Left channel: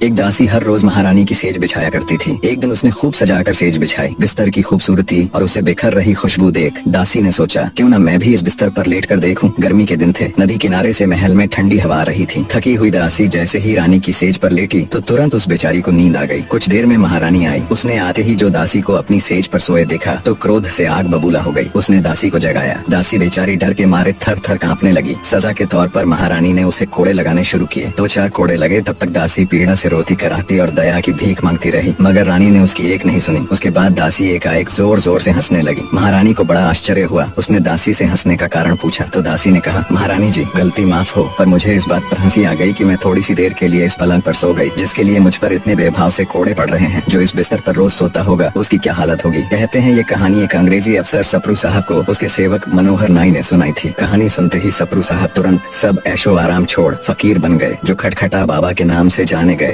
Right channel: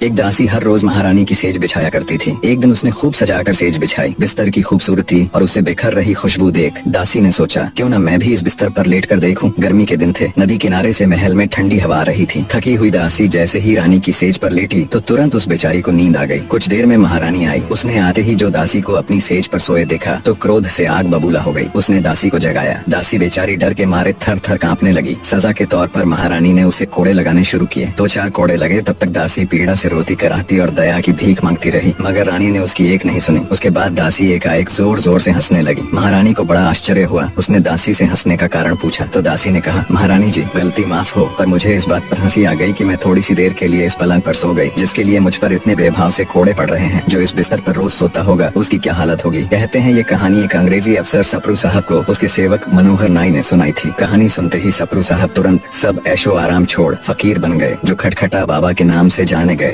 एक दासी हर रोज महारानी की सेज बिछाया करती थी। एक दिन उसने खूब सजाकर सेज बिछाई। बिस्तर की खूबसूरती और उससे बिखर रही खुशबू देख दासी ने सोचा, क्यों न मैं भी इस बिस्तर पर लेट कर देखूं। गर्मी के दिन थे, नदी किनारे से महल में ठंडी हवा आ रही थी। थकी हुई दासी जैसे ही रानी की सेज पर लेटी तो तुरंत उस बेचारी को नींद आ गई। कुछ देर में महारानी आई। उसने आते ही जो दासी को अपनी सेज पर सोए देखा तो क्रोध से आग बबूला हो गई। उसने दासी को जगाया। दासी बेचारी डर के मारे थर थर कांपने लगी। सजा के तौर पर महारानी ने उसे कोड़े लगाने शुरू किए। 2-4 कोड़े लगे, तब तक दासी पीड़ा से रोती कराहती और दया की भीख मांगती रही, मगर रानी ने उसकी एक नहीं सुनी। उसके बाद दासी एकाएक जोर जोर से हंसने लगी। महारानी को बड़ा आश्चर्य हुआ। उसने दासी से हंसने का कारण पूछा तो दासी ने कहा, महारानी जी, गलती माफ हो, पर मुझे इस बात पर हंसी आ गई कि मैं थोड़ी सी देर के लिए इस पलंग पर सो गई, जिसके लिए मुझ पर इतने बेभाव से कोड़े पड़ रहे हैं। जो इस बिस्तर पर रोज सोता होगा उसकी क्या हालत होगी। कहते हैं ये कहानी एक अंग्रेजी अफसर सप्रू साहब को उसके सेवक मनोहर नाई ने सुनाई थी। कहानी सुनते ही सप्रू साहब तुरंत सब ऐशो आराम छोड़ फकीर बन गए, जो खटखटा बाबा के नाम से जाने गए।